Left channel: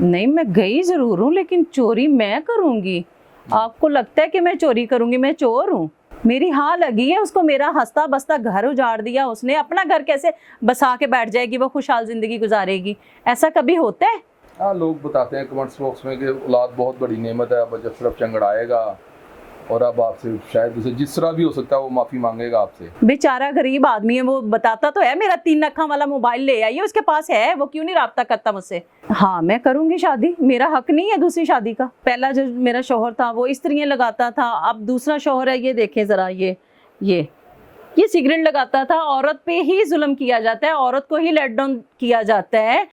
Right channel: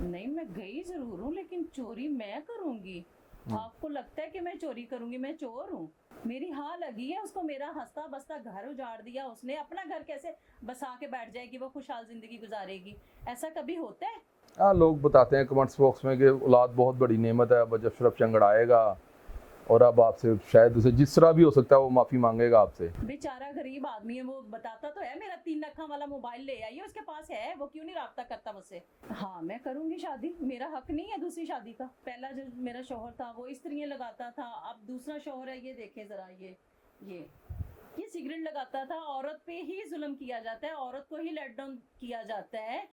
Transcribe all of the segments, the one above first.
नहीं, मैं गई जरूर हूँ, लेकिन चोरी मैं करूंगी? आपको लगता है कि मैं चोरी करूंगी? मैं चोर हूँ? मेरी हाँ लगी है उसको, मेरा हंसता बसता घर उजाड़ दिया उसने। अपना घर कैसे बसा के बैठ जाएगी वो, खुशहाल जिंदगी गुजारेगी? ऐसा कभी होता है? हाँ, लोग बताते हैं कमेंट्स बॉक्स में कि औलाद बहुत बड़ी नेमत है। अब अशरफ चंगड़ आएगा और अब आपसे शायद उसे जिस तरह भी हो सकता है वो माफ़ी मांगेगा आपसे। बेचारा गरीब आदमी है, वो बताता तो है मेरा 3 अक्खा वाला मोबाइल ले आइए, उसके पास है, वो क्यों नहीं राब्ता करता मुझसे? हाँ, मैं करूंगी शादी, मेरा हक नहीं है दूसरी शादी का। पहला जो मेरा शौहर था वो इस्त्रियां लगाता था, अब दूसरा शौहर है, ये देखें जरा, ये ये सिगरेट लगाता था। औरत पे ही जुल्म किया जाता है, औरत को ही लेट डाउन किया जाता है।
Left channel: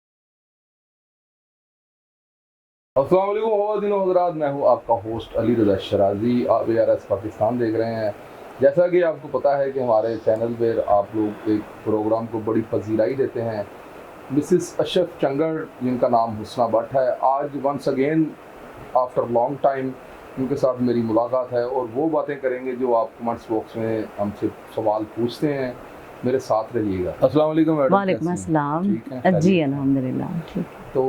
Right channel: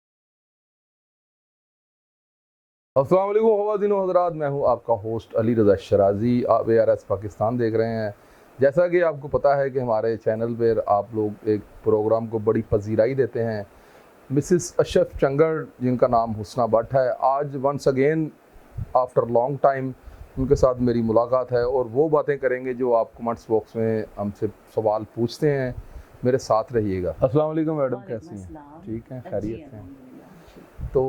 अस्सलाम वालेकुम ख़वातीन व हज़रात, मैं हूँ आपका होस्ट अली रज़ा शराजी। आप ARS पाकिस्तान देख रहे हैं। जैसा कि आपको पता है कि हमारे चैनल पर आप लोग एक प्रोग्राम को बड़ी पजीराई देते हैं। मिसिस अशरफ चंगड़, जिनका नाम हुस्ना भट्ट है, आज once again after long time उनके साथ मेरी मुलाकात है और वो बातें करेंगे जो आप कमेंट्स बॉक्स में हमसे सवाल पूछते हैं। मेरे साथ रहिएगा। अस्सलाम वालेकुम मैडम। वालेकुम अस्सलाम। ठीक है जी अल्हम्दुलिल्लाह ठीक। तो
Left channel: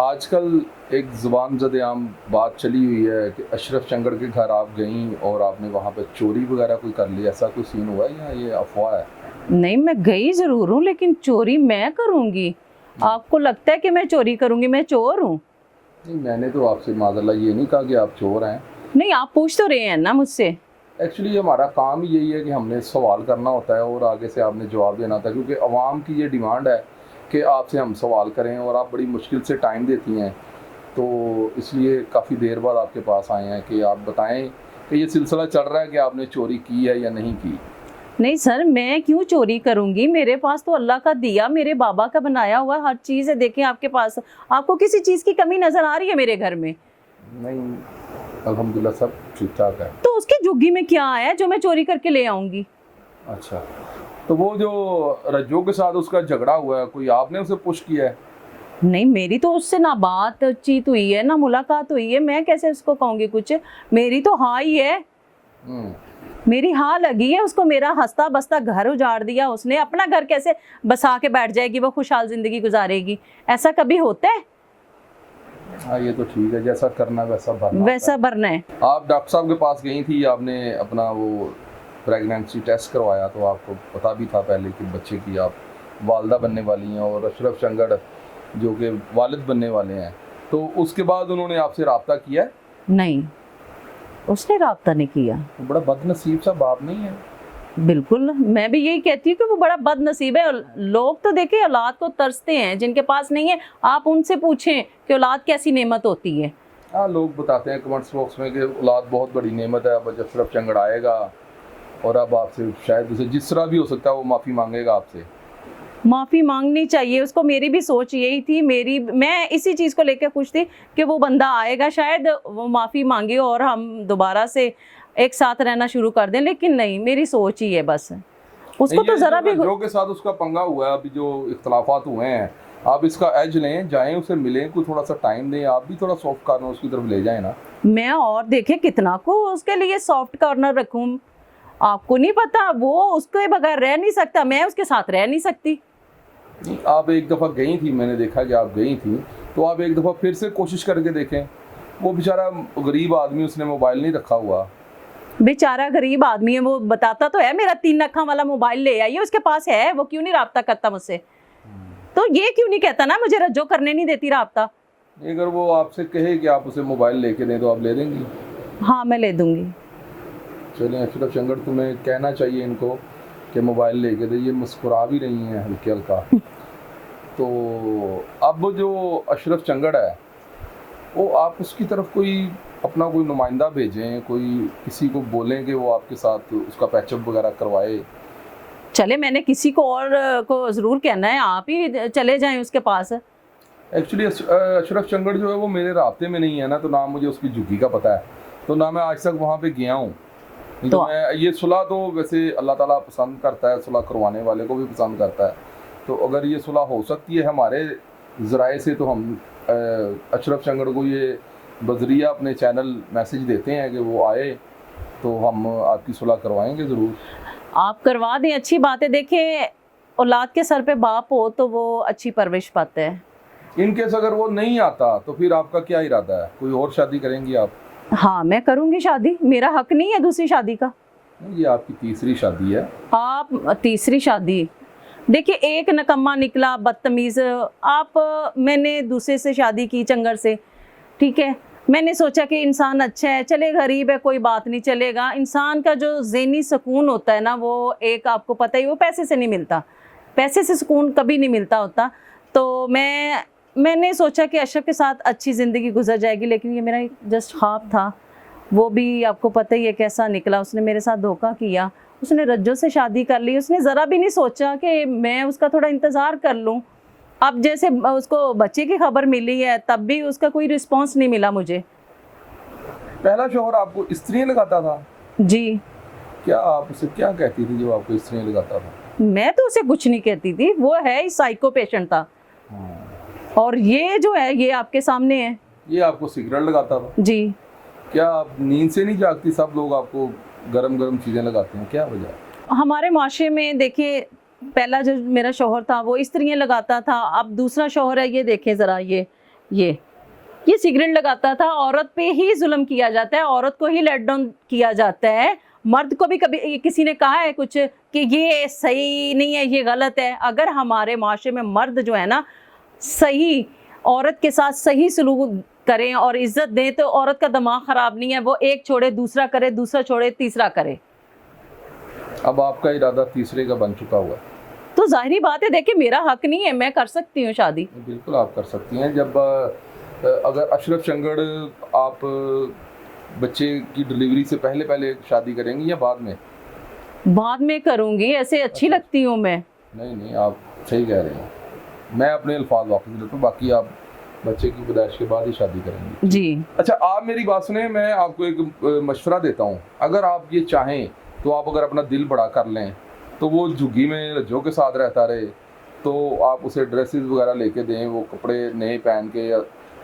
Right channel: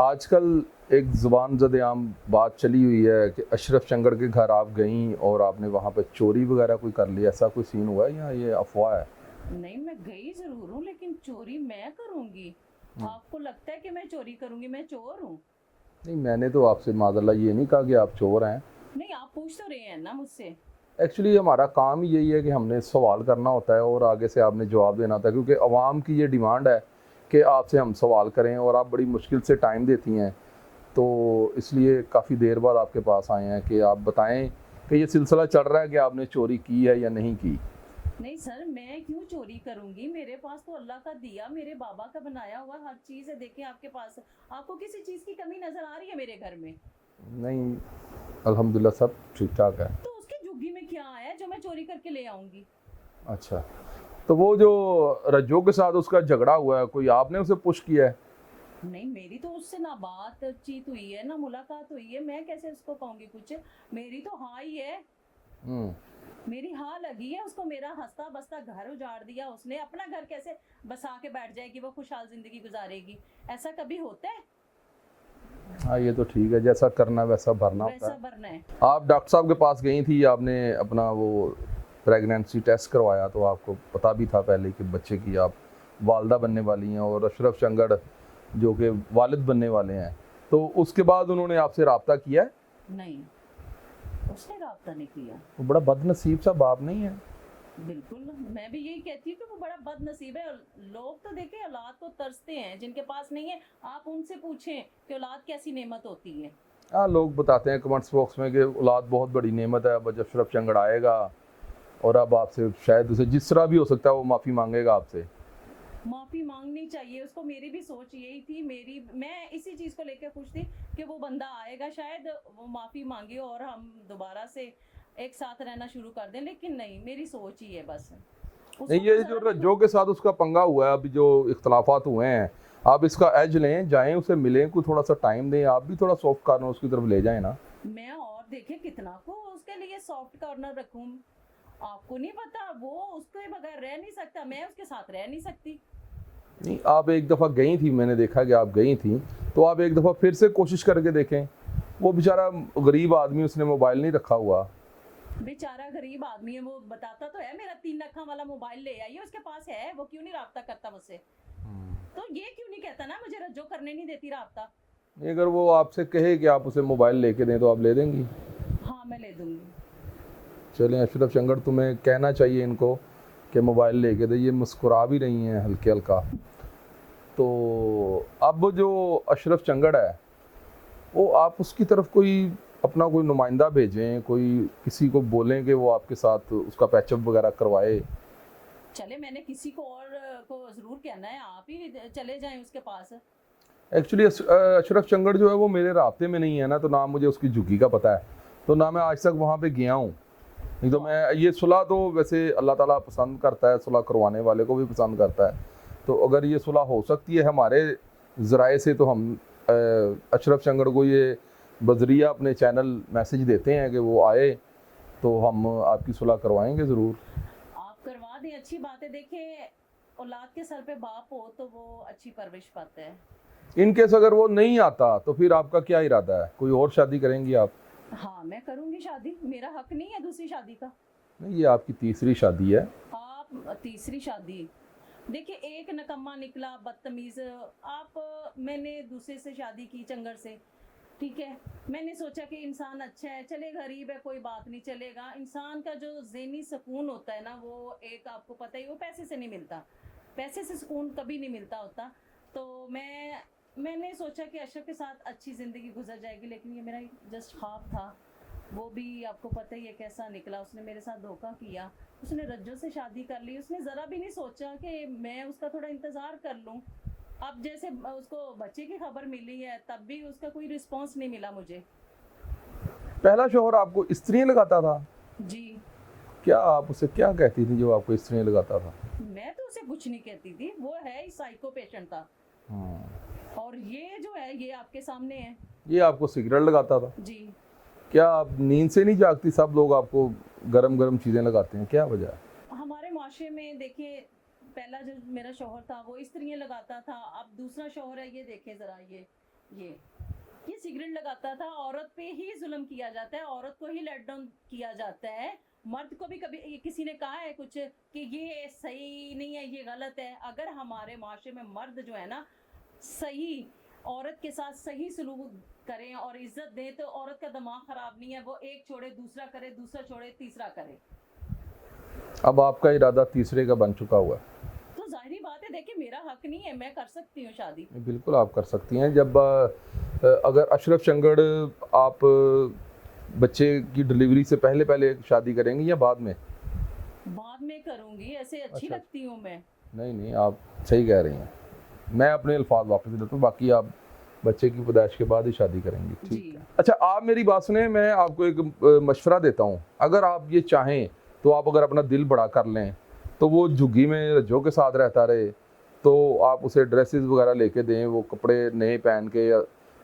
आजकल एक ज़ुबान ज़द-ए-आम बात चली हुई है कि अशरफ चंगड़ के घर आप गईं और आपने वहाँ पे चोरी वगैरह कोई कर ली, ऐसा कोई सीन हुआ है या ये अफवाह है? नहीं, मैं गई जरूर हूँ, लेकिन चोरी मैं करूंगी? आपको लगता है कि मैं चोरी करूंगी? मैं चोर हूँ? नहीं, मैंने तो आपसे माज़अल्लाह ये नहीं कहा कि आप चोर हैं। नहीं, आप पूछ तो रहे हैं ना मुझसे। एक्चुअली हमारा काम ही यही है कि हमने सवाल करना होता है और आगे से आपने जवाब देना होता है, क्योंकि अवाम की ये डिमांड है कि आपसे हम सवाल करें और आप बड़ी मुश्किल से टाइम देती हैं। तो इसलिए काफ़ी देर बाद आपके पास आए हैं कि आप बताएं कि ये सिलसिला चल रहा है कि आपने चोरी की है या नहीं की। नहीं सर, मैं क्यों चोरी करूंगी? मेरे पास तो अल्लाह का दिया, मेरे बाबा का बनाया हुआ हर चीज है। देखें आपके पास, आपको किसी चीज की कमी नजर आ रही है मेरे घर में? नहीं, अल्हम्दुलिल्लाह सब ठीक ठाक है। तो उसकी झुग्गी में क्या है जो मैं चोरी करके ले आऊंगी? अच्छा, तो वो जो रज्जो के साथ उसका झगड़ा हुआ है, कोई आपने उसे पुश किया है? नहीं, मेरी तो उससे ना बातचीत हुई है ना मुलाकात हुई है, मैं कैसे उसको कहूंगी कुछ? मेरी तो हाँ ही है, हम्म। मेरी हाँ लगी है उसको। मेरा हंसता बसता घर उजाड़ दिया उसने। अपना घर कैसे बसा के बैठ जाएगी वो, खुशहाल जिंदगी गुजारेगी? ऐसा कभी होता है? हाँ, ये तो ठीक है, जैसा करना वैसा भरना होता वैसा है। भरना है। आप डॉक्टर साहब के पास गई थी, आपने अपना वो प्रेगनेंसी टेस्ट करवाया, तो आपको पता भी था पहले कि बच्चे की आप वालदा बनने वाली हैं और अशरफ चंगड़ जो कि वालिद बनने वाले हैं। तो उसके बाद उन्होंने आपसे रब्ता किया है? नहीं, उसने राब्ता नहीं किया। वो बड़ा बदनसीब सा बाप नहीं है? बिल्कुल, मैं भी यही कहती हूँ कि वो बड़ा बदनसीब है। लोग तो देखिए औलाद को तरसते हैं, जिनके पास नहीं है आप उनसे पूछें कि औलाद कैसी नेमत होती है। हाँ, लोग बताते हैं कमेंट्स बॉक्स में कि औलाद बहुत बड़ी नेमत है। अब अशरफ चंगड़ आएगा और अब आपसे शायद उसे जिस तरह भी हो सकता है वो माफ़ी मांगेगा आपसे। माफी मांगनी चाहिए उसको। मेरी भी सोच यही थी, मैं इसी चीज को लेकर खुश थी कि वो बंदा आएगा, शायद वो माफी मांगे और हम दोबारा से एक साथ रहना शुरू कर दें। लेकिन नहीं, मेरी सोच ही है बस। उसको नहीं, तो ये जरा भी जो के साथ उसका पंगा हुआ है, अभी जो इख्तलाफात हुए हैं, आप इसका एज लें, जाएं उसे मिलें, कोई थोड़ा सा टाइम दें, आप भी थोड़ा सॉफ्ट कॉर्नर उसकी तरफ ले जाएं ना। मैं और देखे कितना को उसके लिए सॉफ्ट कॉर्नर रखूं? आपको नहीं पता, वो उसके बगैर रह नहीं सकता, मैं उसके साथ रह नहीं सकती। आप एक दफ़ा गई थी, मैंने देखा कि आप गई थी, तो आप एक दफ़ा फिर से कोशिश करके देखें। वो बेचारा गरीब आदमी, उसने मोबाइल नहीं रखा हुआ। बेचारा गरीब आदमी है, वो बताता तो है मेरा 3 अक्खा वाला मोबाइल ले आइए, उसके पास है, वो क्यों नहीं राब्ता करता मुझसे? तो ये क्यों नहीं कहता ना मुझे रज्जो करने नहीं देती राब्ता? अगर वो आपसे कहे कि आप उसे मोबाइल लेके दें तो आप ले देंगी? हाँ, मैं ले दूंगी। चलें, अशरफ चंगड़, तुम्हें कहना चाहिए इनको कि मोबाइल लेके दे। ये मुस्कुरा भी रही हैं हल्के हल्का। तो अब जो अशरफ चंगड़ है, वो आप उसकी तरफ कोई अपना कोई नुमाइंदा भेजें, कोई किसी को बोलें कि वो आपके साथ उसका पैचअप वगैरह करवाए। चले, मैंने किसी को और को जरूर कहना है, आप ही चले जाएं उसके पास। एक्चुअली अशरफ चंगड़ जो है वो मेरे राब्ते में नहीं है ना, तो ना मुझे उसकी झुग्गी का पता है, तो ना मैं आज तक वहाँ पे गया हूँ। नहीं तो मैं ये सुलह तो वैसे अल्लाह ताला पसंद करता है, सुलह करवाने वाले को भी पसंद करता है। तो अगर ये सुलह हो सकती है हमारे ज़राए से, तो हम अशरफ चंगड़ को ये बजरिया अपने चैनल मैसेज देते हैं कि वो आए, तो हम आपकी सुलह करवाएंगे ज़रूर। आप करवा दें, अच्छी बात है। देखें, औलाद के सर पे बाप हो तो वो अच्छी परवरिश पाते हैं। इनकेस अगर वो नहीं आता तो फिर आपका क्या इरादा है, कोई और शादी करेंगी आप? हाँ मैं करूंगी शादी, मेरा हक नहीं है दूसरी शादी का। नहीं, ये आपकी तीसरी शादी है। आप तीसरी शादी, देखिए एक नकम्मा निकला बदतमीज, आप मैंने दूसरे से शादी की चंगर से, ठीक है। मैंने सोचा कि इंसान अच्छा है, चले गरीब है कोई बात नहीं, चलेगा। इंसान का जो ज़हनी सुकून होता है ना, वो एक आपको पता ही, वो पैसे से नहीं मिलता, पैसे से सुकून कभी नहीं मिलता होता। तो मैंने सोचा कि अशरफ के साथ अच्छी ज़िंदगी गुजर जाएगी, लेकिन ये मेरा जस्ट ख्वाब था। वो भी आपको पता ही है कैसा निकला, उसने मेरे साथ धोखा किया, उसने रज्जो से शादी कर ली। उसने ज़रा भी नहीं सोचा कि मैं उसका थोड़ा इंतज़ार कर लूँ। अब जैसे उसको बच्चे की खबर मिली है, तब भी उसका कोई रिस्पॉन्स नहीं मिला मुझे। पहला शौहर आपको स्त्री लगाता था? जी। क्या आप उसे क्या कहती थी जो आपको स्त्री लगाता था? मैं तो उसे कुछ नहीं कहती थी, वो है ही साइको पेशेंट था। और ये जो है ये आपके सामने है। ये आपको सिगरेट लगाता था? जी। क्या आप नींद से नहीं जागती? सब लोग आपको गरम गरम चीजें लगाते हैं, क्या वजह है? हमारे माशरे में देखिए, पहला जो मेरा शौहर था वो स्त्रियाँ लगाता था, अब दूसरा शौहर है, ये देखें ज़रा, ये सिगरेट लगाता था। औरत पे ही जुल्म किया जाता है, औरत को ही लेट डाउन किया जाता है। मर्द को भी कभी किसी ने कहा है कुछ कि ये सही नहीं है, ये गलत है? अगर हमारे माशरे में मर्द जो है ना सही औरत के साथ सही सलूक करें और इज्जत दें, तो औरत का दिमाग ख़राब नहीं है, वो एक छोड़े दूसरा करे, दूसरा छोड़े तीसरा करे। अब आपका इरादा तीसरे का बन चुका हुआ है, तो जाहिर बात है, देखिए मेरा हक नहीं है, मैं कर सकती हूँ शादी। बिल्कुल आप कर सकती हैं। जब अगर अशरफ चंगड़ आप बच्चे की डिलीवरी से पहले पहले शादी करेंगी या बाद में? बाद में करूँगी, ऐसे अच्छी अच्छा। लगती हूँ मैं। नहीं, आप सही कह रहे हैं। मैं अपने अल्फाज वापस लेता हूँ, बाकी आप बच्चे की पैदाइश के बाद ही शादी करेंगे। जी। अच्छा, आप मेरी बात सुने, मैं आपको एक मशवरा देता हूँ। अगर आप ये चाहें तो आप अगर अपना दिल बड़ा कर लें तो वो झुग्गी में रज्जों के साथ रहता रहे, तो आप उसे ड्रेसेस वगैरह लेके दें, वो कपड़े नए पहन के या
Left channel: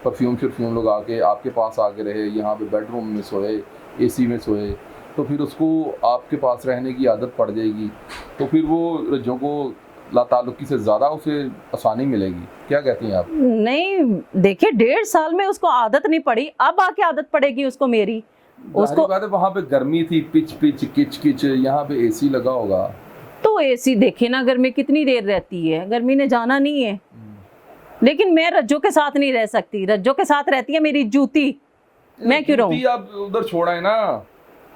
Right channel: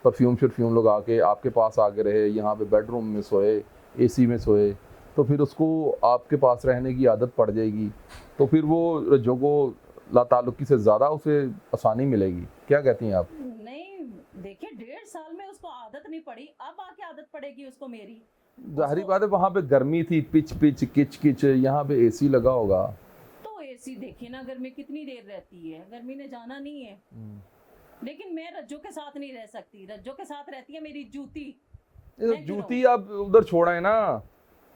परफ्यूम शर्फ्यूम लगा के आपके पास आके रहे, यहाँ पे बेडरूम में सोए, एसी में सोए, तो फिर उसको आपके पास रहने की आदत पड़ जाएगी। तो फिर वो रज्जों को लाताल्लुकी से ज़्यादा उसे आसानी मिलेगी। क्या कहती हैं आप? नहीं देखिए, 1.5 साल में उसको आदत नहीं पड़ी, अब आके आदत पड़ेगी उसको मेरी। उसको बात है, वहाँ पे गर्मी थी, पिच पिच किच किच, यहाँ पे एसी लगा होगा। तो एसी देखे ना, गर्मी कितनी देर रहती है, गर्मी ने जाना नहीं है। लेकिन मैं रज्जो के साथ नहीं रह सकती, रज्जो के साथ रहती है मेरी जूती, मैं क्यों रहूं? जूती आप उधर छोड़ाएं ना,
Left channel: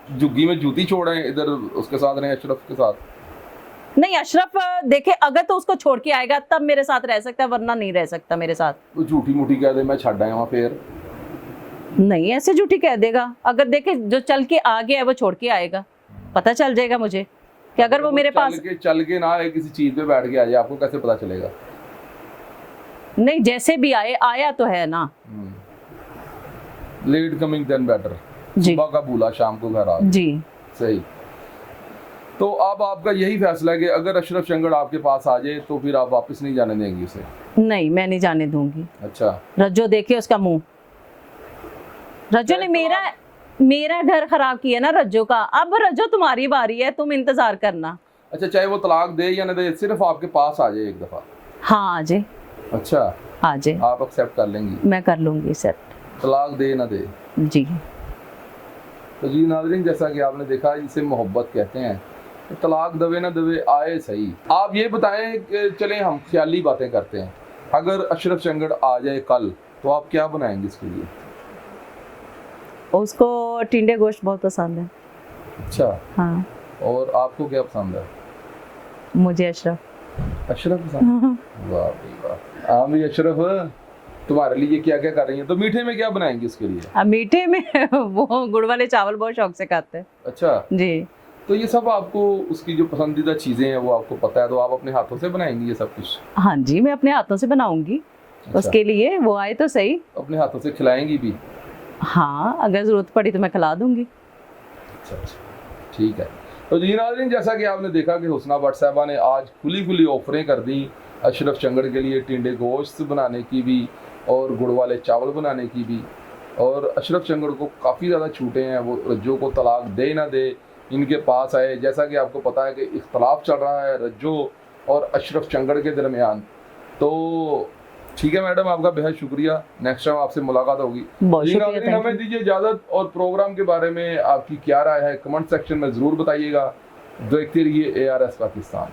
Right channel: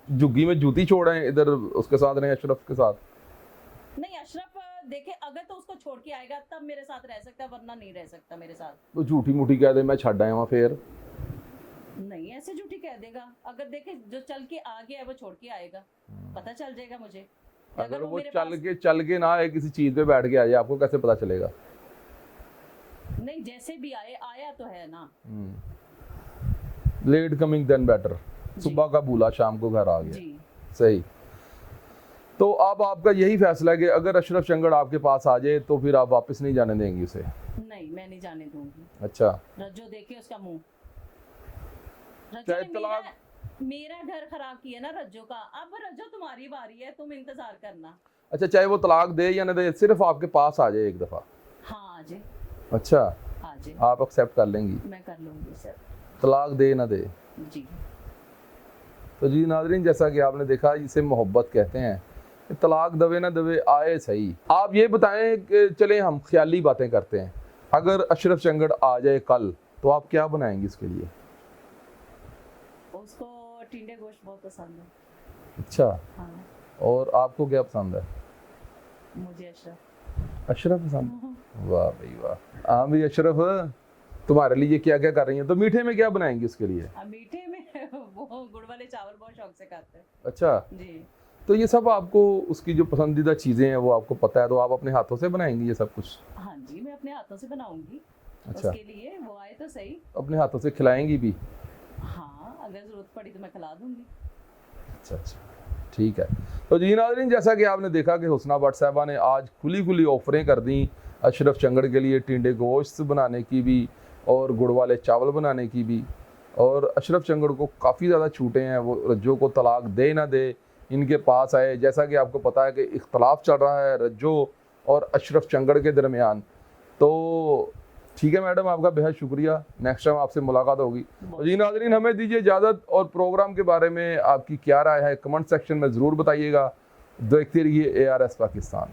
झुग्गी में जूती छोड़ाएं, इधर उसके साथ रहें, अशरफ के साथ। नहीं, अशरफ देखे अगर तो उसको छोड़ के आएगा तब मेरे साथ रह सकता है, वरना नहीं रह सकता मेरे साथ। तो झूठी मूठी कह दे मैं छड़ आया वहाँ, फिर नहीं ऐसे झूठी कह देगा, अगर देखे जो चल के आ गया है वो छोड़ के आएगा, पता चल जाएगा मुझे कि अगर वो मेरे पास चल के ना आए, किसी चीज पे बैठ के आ जाए, आपको कैसे पता चलेगा? नहीं, जैसे भी आया तो है ना। Late coming than better. जी। सुबह का भूला शाम को घर आ गया। जी। सही। तो अब आपका यही फैसला है कि अगर अशरफ चंगड़ आपके पास आ जाए तो फिर आप वापस नहीं जाने देंगी उसे? नहीं, मैं नहीं जाने दूंगी। अच्छा। रज्जो देखिए उसका मुंह, रज्जो ने मेरा घर खराब किया ना रज्जो का। अब रज्जो तुम्हारी बारी है, तुम इंतजार करना। अच्छा, चाहे वो तलाक दे या ना दे, सिर्फ आपके पास आ जाए एक दफा। हाँ आ जाए। अच्छा, आ जाए, आप एक्सेप्ट कर लेंगी? मैं कर लूंगी सर। तलाक दे ना दे? जी। तो जी नाज़रीन, जैसा कि आपने देखा, इसे मोहब्बत कहते हैं। तलाक दवे ना दवे, आए सही। आप ये बताएं कि चलें हम ख्याली बातें करते हैं, अगर अशरफ चंगड़ आ जाए कल तो आप क्या बनाएंगे इसके लिए? उसको टिंडे गोश्त बहुत पसंद है। अच्छा। हाँ। और आपको क्या पसंद है? मुझे अशरफ। अशरफ पसंद? वाह भाई वाह। हाँ भाई, अशरफ तुम्हारे लिए क्या क्या कर रही हैं? तो मीठे में क्या बनाएंगे उसके लिए? अब मीठे में वो गुड़ वाले चावल बहुत शौक से खाते हैं। अच्छा जी। तो ये सब आपको, उसकी जो पसंदीदा चीज़ें हैं वो आपको पता है, तो आप अपने हाथों से बनाएंगी ये सब कुछ? हाँ जी, मैं अपने हाथों से बनाऊंगी। अच्छा। उसके लिए वो आए तो सही। अपने हाथों से खिलाएंगी भी? हाँ, अगर ज़रूरत पड़ी तो मैं खिला दूंगी। अच्छा, ठीक है। तो जी नाज़रीन, जैसा कि आपने देखा कि हुस्ना भट्ट साहबा ने आज खुली ऑफरें कर दी अशरफ चंगड़ के लिए, टिंडे गोश्त बनाने की भी और गुड़ वाले चावल बनाने की भी। और अशरफ चंगड़ को काफ़ी ज़्यादा छूटे हैं, वो रज्जो को तलाक दे ना दे, इनके पास आए। जैसा कि आपको पता है कि इख्तलाफ चल रहा है रज्जो और अशरफ चंगड़ के दरमियान, तो ठीक है मैडम, आपका बेहद शुक्रिया। नेक्स्ट टाइम आपसे मुलाकात होगी। बहुत जी शुक्रिया, नाज़रीन, thank हमें दीजिए इजाजत और प्रोग्राम के बारे में आपकी क्या राय है कमेंट सेक्शन में जरूर बताइएगा। देखते रहिए ARS पाकिस्तान।